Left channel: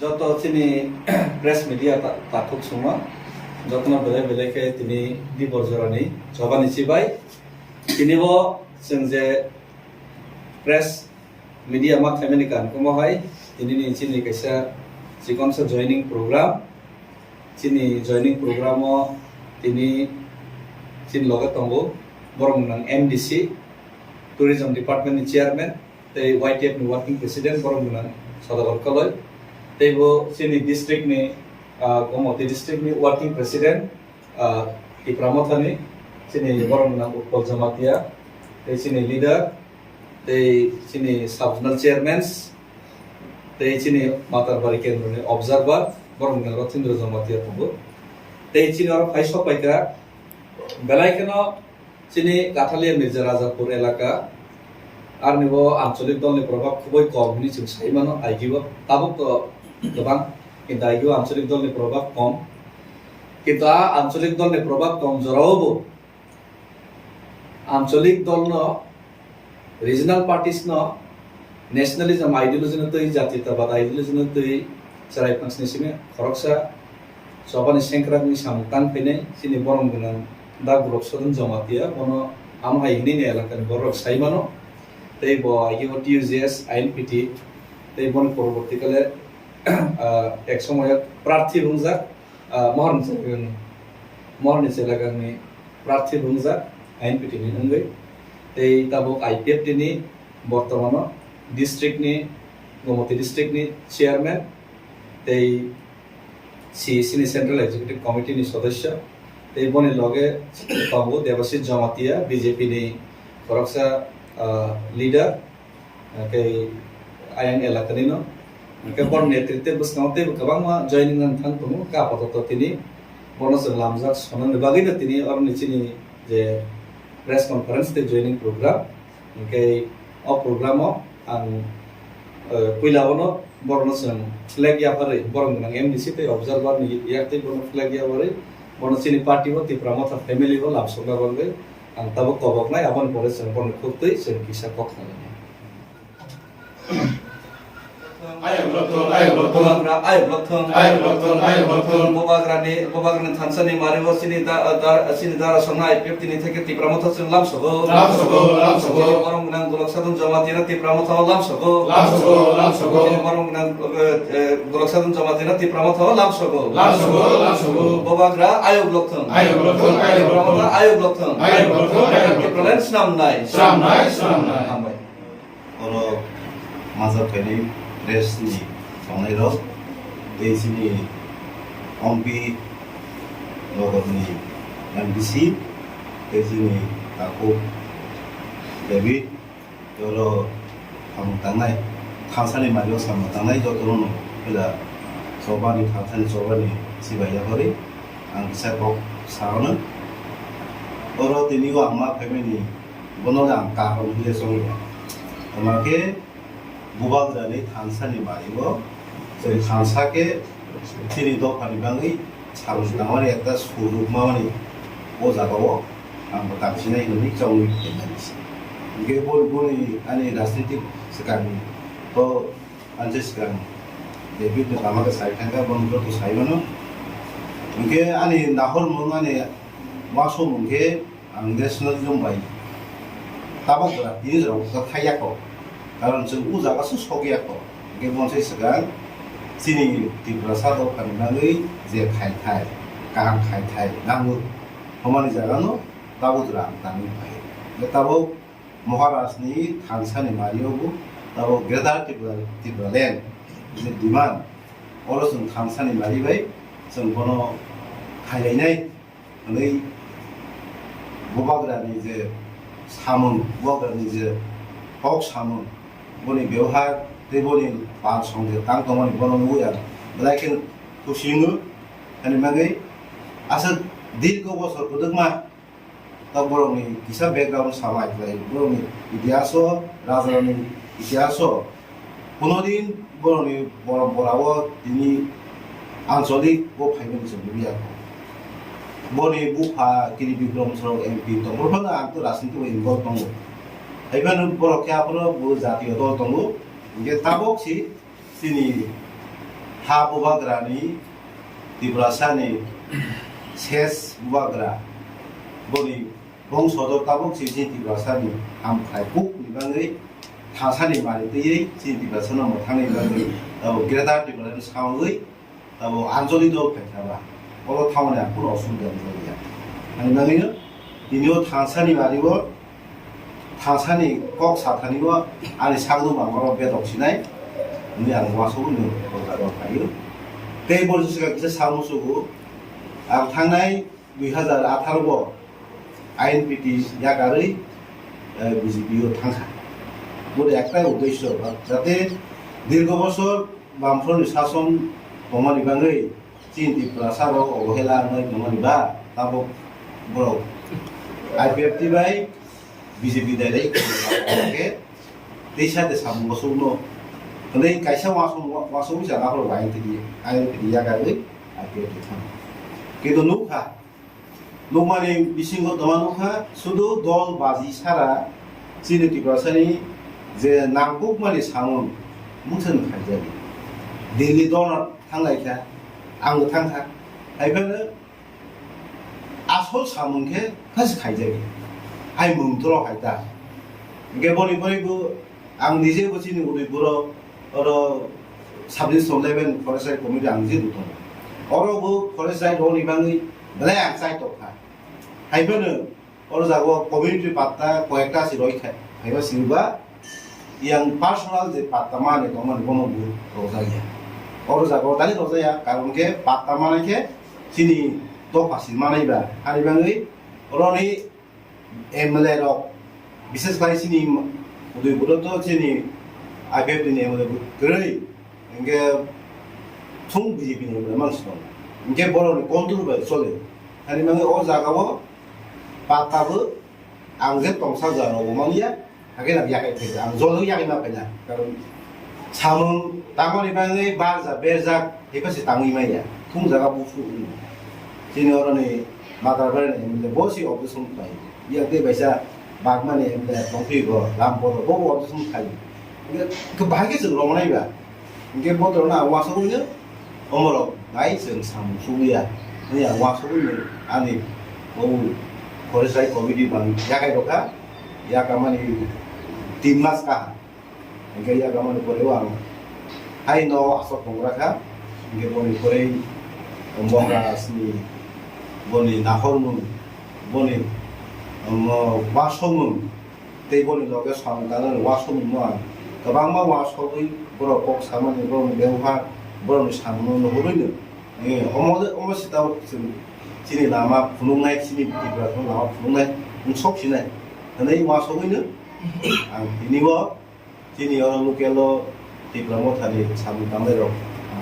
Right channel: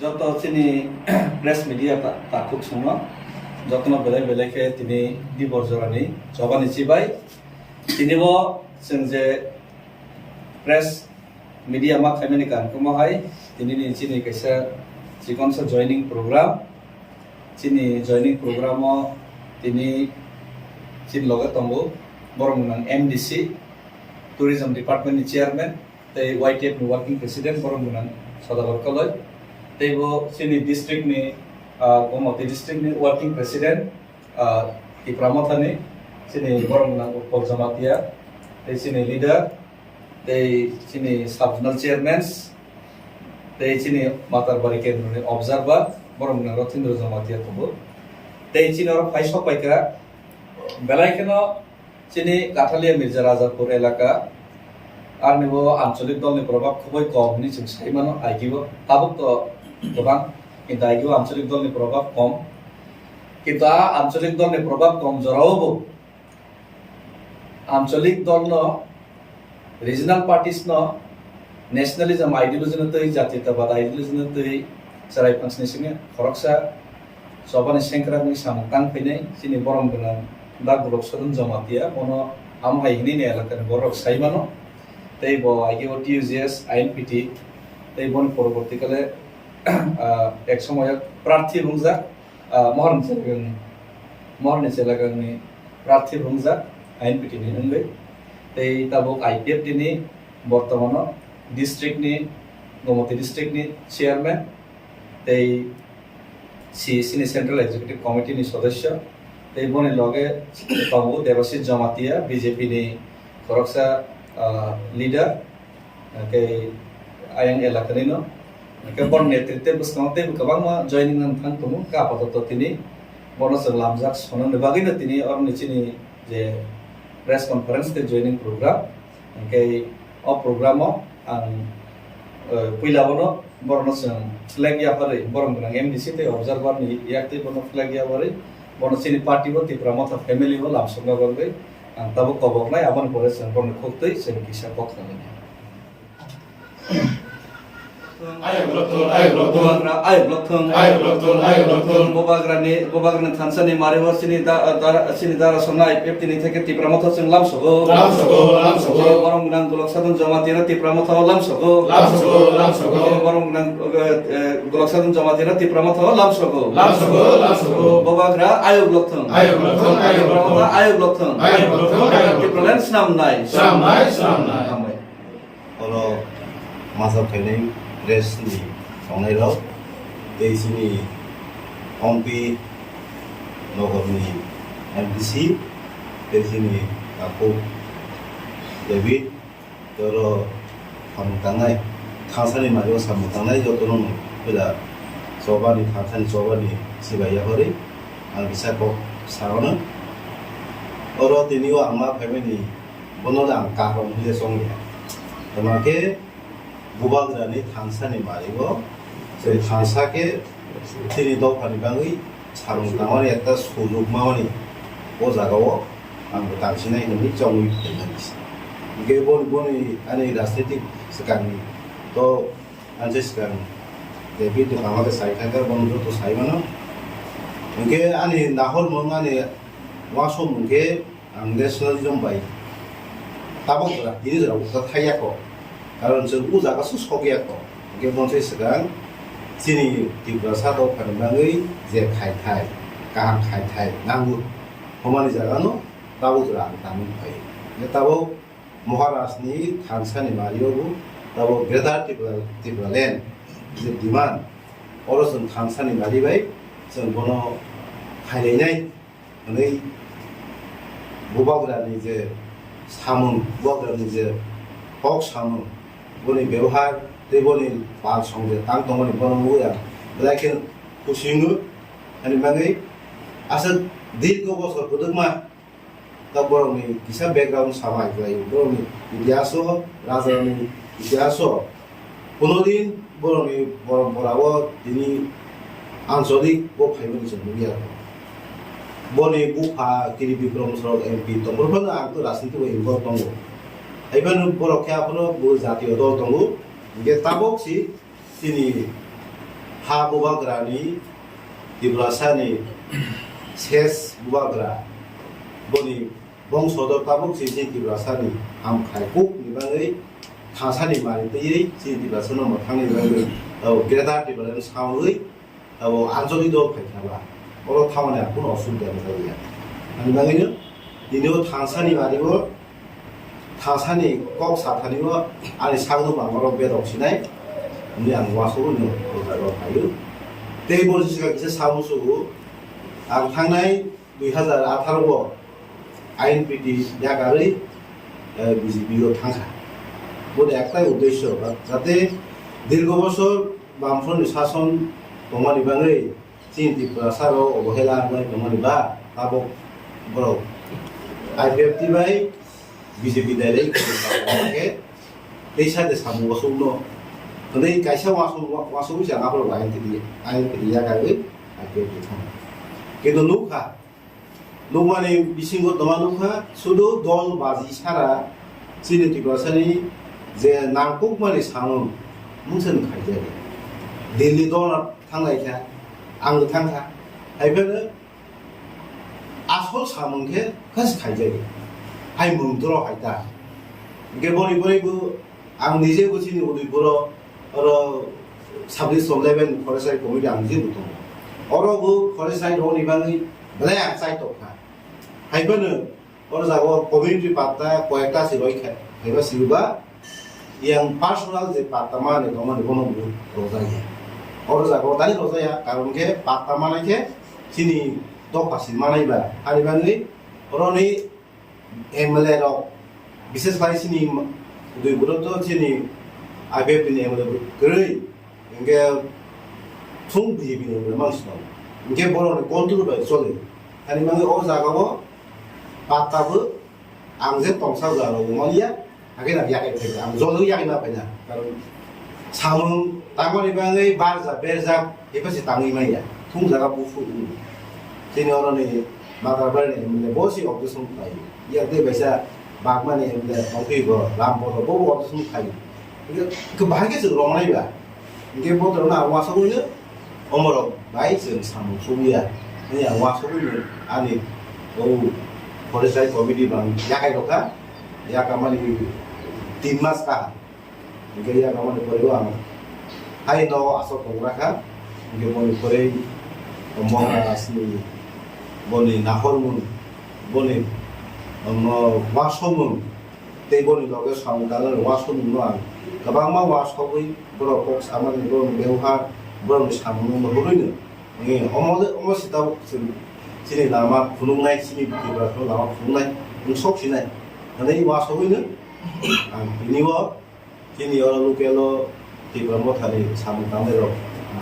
যত তিনি press media তাকুক semua যত্ন বেলেগ বেলেগে তিনি দিবরজরানি জবানি চিবাই তিনিबो जों जे प्रेस मीडिया मा खामानि कानखौहाय दिनैनि चिनि कैसा जिखनसा जॉइनिंग प्रोग्राम चिनि जॉइनिंग प्रोग्रामाव दिनै चिन लगे दंगो बरंगनां एमडीसी टूरिज्म डिपार्टमेंट नि चेयरमैन तै वाईटीएफ नि वर्किंग प्रेसिडेंट बरंगनां सदागर कलय तैबो चिनि डिस्ट्रिक्ट नि गमती डिस्ट्रिक्ट नि वर्किंग प्रेसिडेंट इप्रामथानि चिनि बरंगनां उत्पल जमातिया तै चिनि लीडर तै चिनि सबजोनल चेयरमैन्स तै चिनि मातारबारि केंद्रनि ऑब्जर्वर बरंगनां रथिन्द्र जमातिया तबो तै चिनि और phi सपाइका बेलायखनो Chini काठालिया Mirza Rajapur एलाका are निबो आंचलिक दलनि प्रभाव खुबै कम नि जों साइमानो आइगिबो ताबो तो गोबां किन्तु आइगिबो आंचलिक दलनि प्रभाव कम किन्तु आंचलिक दलनि प्रभाव कम जरावबो आंचलिक दलनो रिजनल पार्टीज नो नेशनलिज्म आइडियोलॉजी न तै जातीयतावाद आइडियोलॉजी न तै सराय फांसनि सिङे खरकसा सबानि सेंक्रानि सामतां फैनाय चिनि बरंगनां दा गुलक सदन जमातिया बनो आमहायनि ने एलाकानि बरक साइमानो तै बो आइगिबो टीयूजीएस आईएनपीटी तै बनि परवर्तीकाले एक समय प्रार्थी बुंजा महरनि सेलागानि प्रार्थी बुंजा आईएनपीटी नि नंगै तै ताबो आईपीएफ दिनि बर्तमानो डिस्ट्रिक्ट नि गमती डिस्ट्रिक्ट नि चेयरमैन तै सीईसी नि सेंट्रल एग्जीक्यूटिव कमिटी नि सदस्य तै बनि लगे पाबो देवाशीष जमातिया बीजेपी नि फरकसा लीडर के आयं एलाकानि नो के बन नेतृत्व बसनावते गोबां मा जॉइनिंग नां थां तमु का आपातत तिनि बनस लामजाक सनन बागैनो तिनि और निचिनि जे प्रेस कॉन्फ्रेंस ते जॉइनिंग प्रोग्राम के अ प्रोग्रामाव आं पहिलावनो बरनसों फ्लैग याफारै बरंगनां एमडीसी ते ऑब्जर्वर नि याक्ते बन फ्लैग याफारै बन चिनि पार्टी वो तिप्रामथा फैमिली वो लामसंगा बंगै आं ताबो कबकनाय आबन परे जों बन खोक्तै जों किसा कखनानै आयो ब्लकथों बोबाग्रानि थानसानि मारिव सिनि दारा सना आईपीएफ तिनि थेके तिप्रामथा जों लामसगो बरंगनां गुलक सदन जमातिरा तिप्रामथा लामसगो बरंगनां गुलक सदन जमातिरा तिप्रामथा लामसगो बोबाग्रा आयो ब्लकथों आयो ब्लकथों तिप्रालेन स्नामनाय हामबाय और माजा फैनाय प्रेसनि संनाय राव एसिनि एमपी नगरनि एमडीसी एसिनि आखु डेभिड और हमतांनाय थांसानि मारियाव सामतांनाय जतन फैला सबानि थांसानि सबानि सिबायाफोरै आं बिसाखौ सारनो और दिनिव आंमा फैबायनि बनल आं काहम बिले संया ओमाके बुबाग्रानि थानसानि मारिव जों थानसाके तिनि दफानि बागै सामतांनाय एकटा सुजुग मावनि ओ जागाव आंबो दांसिनाय होननि जावनि फैनानिस गे बनि आनि राजनीतिक सिगांनि तो आनसे सिगां डेभिड बामाके साइथाका बनबो तो साइमानो उनके आनि नाहर माने वासो मुंके आं नेशनलिज्म बाय ताबोग्रा बिनि जेराव थायाखौ कारण जों उ जागासो सगियाखौ के बनसे सिगां चिनि तिब्रासा दफानि बागै जे खायथाय गाहाम खायथाय नांगौ हमानि जागानो ताबोग्रा दानि फाय ताबो महाराष्ट्रनि थानसानि मारियावबो ताबो ग्रेटार तिब्रालेण्ड जे डिमान्ड और जों थानसानि मारिबाय जों बनो खायलायनाय नै बुबाग्रानि जे सामुं बुबाग्रानि जे हक सामुं बनि बेवहाय देबनि बाल संगे तां तमनि बननो या लाइकेन खुसिङो अनि मागै आसा दीर्घ बছর पदमा ता बरनि किसा बैकग्राउंड सामाय जायो बरनि इतिहास राजानि इतिहास कोनोदिन बरनि परम्पराव दिनि आंचलिक गो फाइमनि जमिया बनि गुफा किरि बिक्रम सरक एमपी तंगरफोर आं तो राजनीति इनभल्व दंगो आइबान बरख्याफोर बो जातीय दल दंगो गे ताबोक सी तिनि ha bubagrani tibrasani ses bubagra boni bongsodo tabuk sisi tibrasani am khaipuk nibangai thasani mari tei sisi tibrasano mothani nibangai greater Tipraland সাউই আঞ্চলিক দল ফাইখাবা অল থামনে কোনো অসুবিধা গিয়া আমি নালিনো দিনেও থাসানি মারিব থাসানি কক সাথানিব আনি সাগদু মামার বেদক সিনাই আমি আং ওয়াসও নো কলকাতা ফাইयो তে বলছিস কিছু সামুসুগু আং থাংনাই 2018 আইএনপিটি জাগাरै বিজেপিও থাংখা বলে একটাই উদ্দেশ্য যাতে দীর্ঘ বছর বামফ্রন্ট শাসন তোমার বাঙাই চীন ত্রিপুরা সারো অবহেলা তোমার বা তাবক বড় আইপিএফটি বাই বিজেপি দাইরে সাথে সামু বসৌ নে কাইসা ওয়াসৌ জানাফোর আইনটি জাগাবে আইপিএফটি থাম কিন্তু নুখা নুমানে বিশিঙ্গ দমা নুখা শুধু দল বাজি সারা চীন ত্রিপুরা সারি যে নাংকুক মানে সামন मुसन खाइजाबि दिल्ली दन थांनायखा आंबो थांखा आइफोरनो आसल सामुंखे खास खाइजाबि आइ मुंथर हायता गेबनि बरैबो आं निजे बुजिनि उदैपुराव साबजेक्ट लेभेल फरायसालि कमिटि आं जे बुथुम अरबो फरायसालि रनि बाङै बेलाय आं चाइटखा आइफोरनो अर जागो कमिउनिटि पात्ता कयेकटा सिरयखा आइबा सिरुबा yang personal de patamane doman bono bu rozaya oro jago tani rozaya karon ke patamane ke sini do pasil manai ba hari bangai roni MLA rok বিশেষ করে sini udai buro to sini ABF ni MLA bu grei inge thung BJP ni mangsno inge boro ni control ba chole hari bangai o jago patabu angje tongsa jaro mangya akhirnya yakin saja, angzol yakin apa ya? Kalau samun tangan ibangai barza berza, itu sih tangi maya, tung jaga bufu. Sini orang ni matar balik ni, mula bosi opsi sumpai. Ya dia biasa bagman ni, mula pangki go, lampu go, bobo opsi sumpai. Kebahagiaan sih orang ni bah. Mungkin bodoh orang awas aku ni, omorok baik sih samun subia. Ini awas aku ni, ani, oh, kalau saya komedi bang, jaga roka, ya kamani timnas ka nge ya kamani porewang hai no aso kongraka nge boni porei omonga asni boni nahormun boni wasomun te boni loge samkana wasomun no ang kabang ma wasoi bro kok samani bro bewha bro samun no horoino nge omosita sini nama funungai sini bitibra no lama funungai unsok sinai Nanti masuk ini, ini wo, sini orang lokal di Pramod hari samu kamera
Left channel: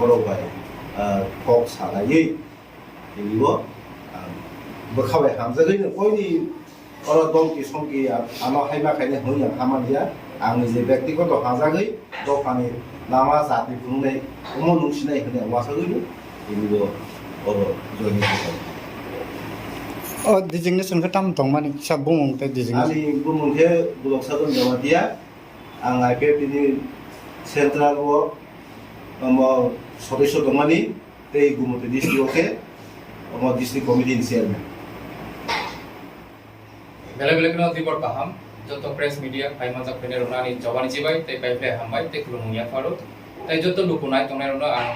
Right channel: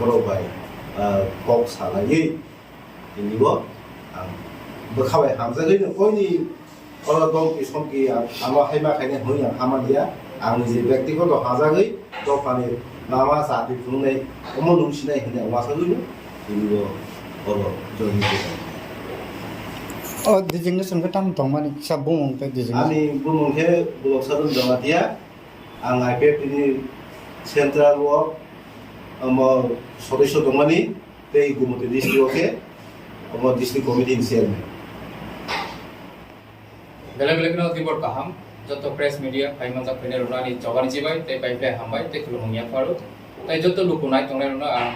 berobai, kok salah ini wo, berkawai hamzah ini, kau ini orang dong kisah ki, anak hebat kayaknya hanya hamad dia, angin je bekti kau tu hamzah ini, tu kami nama saat itu nih, umum nungsi nih hanya masuk ini wo, orang jadi itu. Oh, designation ke tam tong mani sa bumong te designation. Ani bumong ke bulog sa dun dia, ang IPF ini central work, amo sodesyo domani, te gumuti district oke, amo district committee chairman. Bela-bela kena tibor paham, joto press media, paiman sak pene rona ni jawani cibai, te paifle hambai, te kulumung ya faru, te joto lukunai tongne rona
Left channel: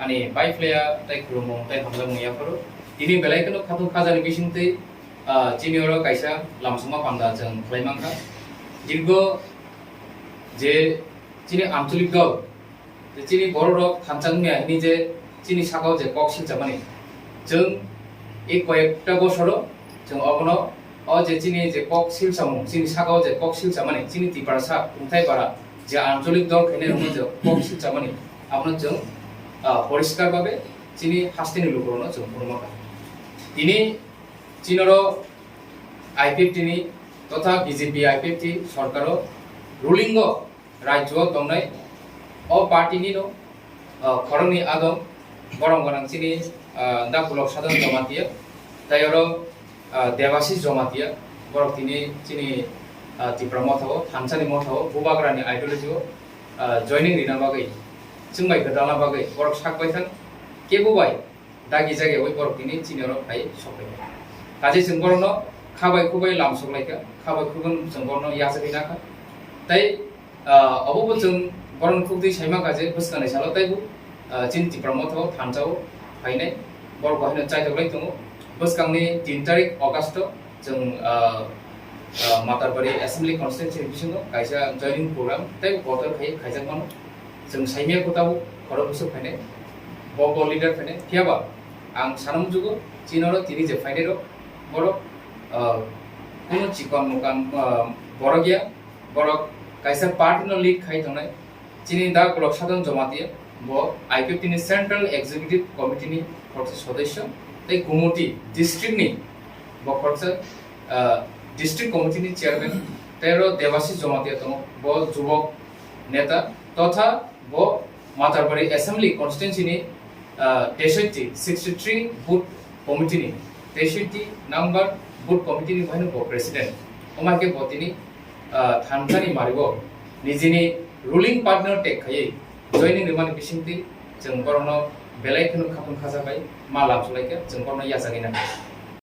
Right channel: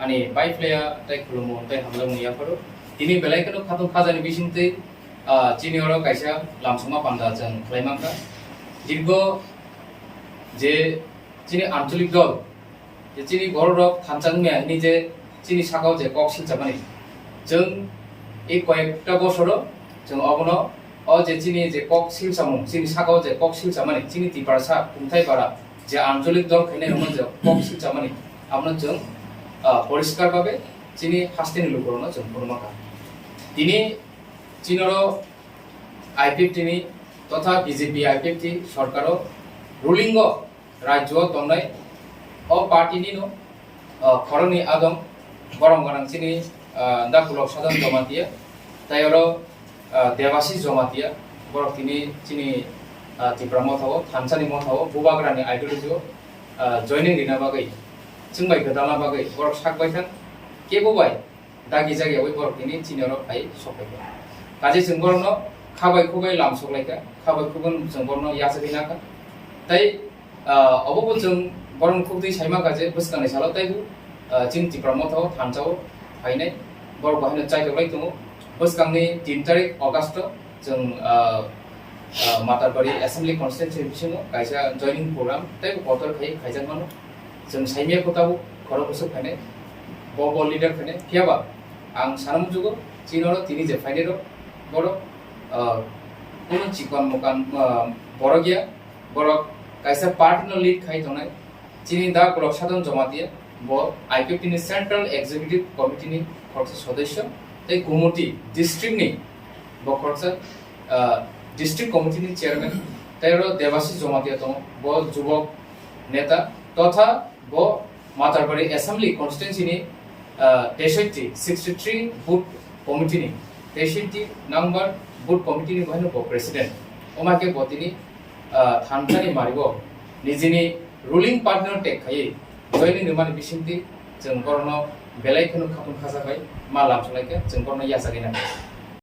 ani paifle ya, te kulumung, te hamlamung ya faru. Ini belai kena khatung khazani bisinte chini oro kaisa lamsuma panda jang khlaimangka dirgo je chini amchulik dol je chini bor rok thanchangmya ini je chini sakao je kok silchamani jeng ei koyekta bosoro jeng obono o je chini je kok silchamung chini sakao je kok silchamani chini tiparsa kumthai para je amchulik dol khene rong je kok silchamani amno jeng পরিষ্কার ভাবে চিনি হাস্তিনি লুকরনো জং পরমাকা তিনি চীনর IPFT তথা BJP IPFT সরকারও ruling রাজ্য দংনাই অ পার্টিনি খরংনি আদম বরং গনাং চিনি দা কুলক সাধন জমাতিয়া তাইর দেবাশিস জমাতিয়া বরক তিনি চিনি ত্রিপুরা মথাও থানসানি মথাও বুবাগ্রানি আইডিওলজিও জয়নিং রিনা বাগै जों बाय गोदाला बागै बरक साकबाय थां केबोबाय दागि जायगायाव बरक दिनै चिनियाव फाय सफायबाय काजे जों बरनो खाबाय खुबाय लामसलायखा खाबाय खुबन जों बरनो याजगैनाखा ताई अबबो जों बरन खुबदै साइमा काजे बसकानाय साला ताइबो चिन तिप्रामथाव थानजाव फायनाय बरक बाहायनो चाइदोलाय दङ बसकांनि 3 तारिख अगस्त जों मातारबारि एसेंब्ली कन्स्टिट्युएन्सि बिसिङाव कायसा जयनिं प्रग्राम ताइबो बटर खाय खायजाक मानो जों साइमिया खोथाबो खरो बसो फायनाय बब लिडार फायनाय फियाबा आं सानम जुगो चिनरो तिनि जे फायनाय रो बरक কোনো চিকন মুকান বড় গিয়া বড় কাইসা পার্টিনো লিড খাই দনাই চিনি দা ব্লক সাধারণ জমা দিয়ে ব আইপিএফটি নি সেন্ট্রাল এক্সিকিউটিভ কমিটি নি খরচ সদস্য তাই গুমটি ডিস্ট্রিক্ট নি ব খরচ ডিস্ট্রিক্ট কমিটি নি চেয়ারম্যান তাইরো দেবাশিস জমা দিয়ে তো ব যুবক নেতা তথা ব মাতারবাড়ি অ্যাসেম্বলি কনস্টিটুয়েন্সি নি 63 বুথ কমিটি নি 63 নাম্বার बुट कमिटी नि बाहायनो प्रेसिडेंट ओमाके बतिनि थानखानि मारिबो निजिनि रुलिंग पार्टनर टेक खायै जयनिं रिमानि बिसिंति जों बरनो बेलायखोनो खाथुम खाजाबाय मा लामसलायखो जों बरनो याजागिना